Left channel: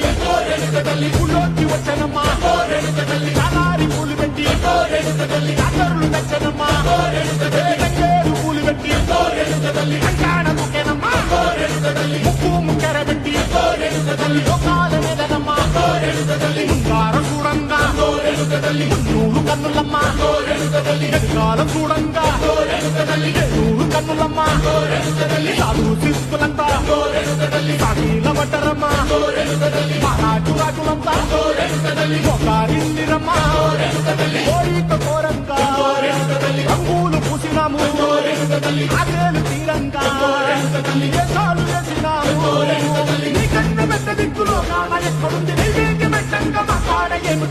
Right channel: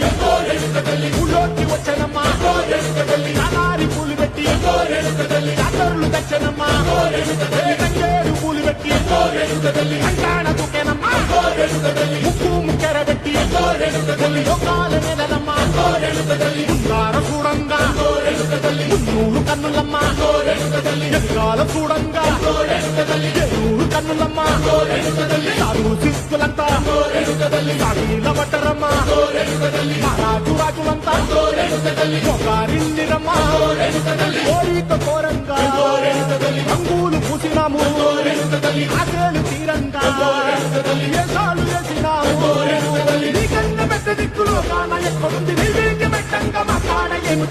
పెట్టి ఊళ్ళోకి వచ్చానమ్మా చాలారి పూలు పెట్టి జాతరులు తెచ్చానమ్మా తంగేరు పూలు పెట్టి కంకాణ దూకేనమ్మా ముక్కు ముక్కెర పెట్టి లోకాల నెలనమ్మా ముందార చూడంగా మున్నూరు కన్నులమ్మా ఎదుగాల చూడంగా ఏనూరు కన్నులమ్మా సాధువు శిస్తులంతా సాగిల పట్టరమ్మా మహారాజు రాజులంతా మొగారిల్లిరమ్మా కోరిక కోరంగా రంగులు పూసినాము ఆశలు తీరంగా ఏసాలు వేసినాము నీకన్నా పెద్ద దిక్కులో కాన ఎక్కడుంది నైవేద్యం పెట్టంగా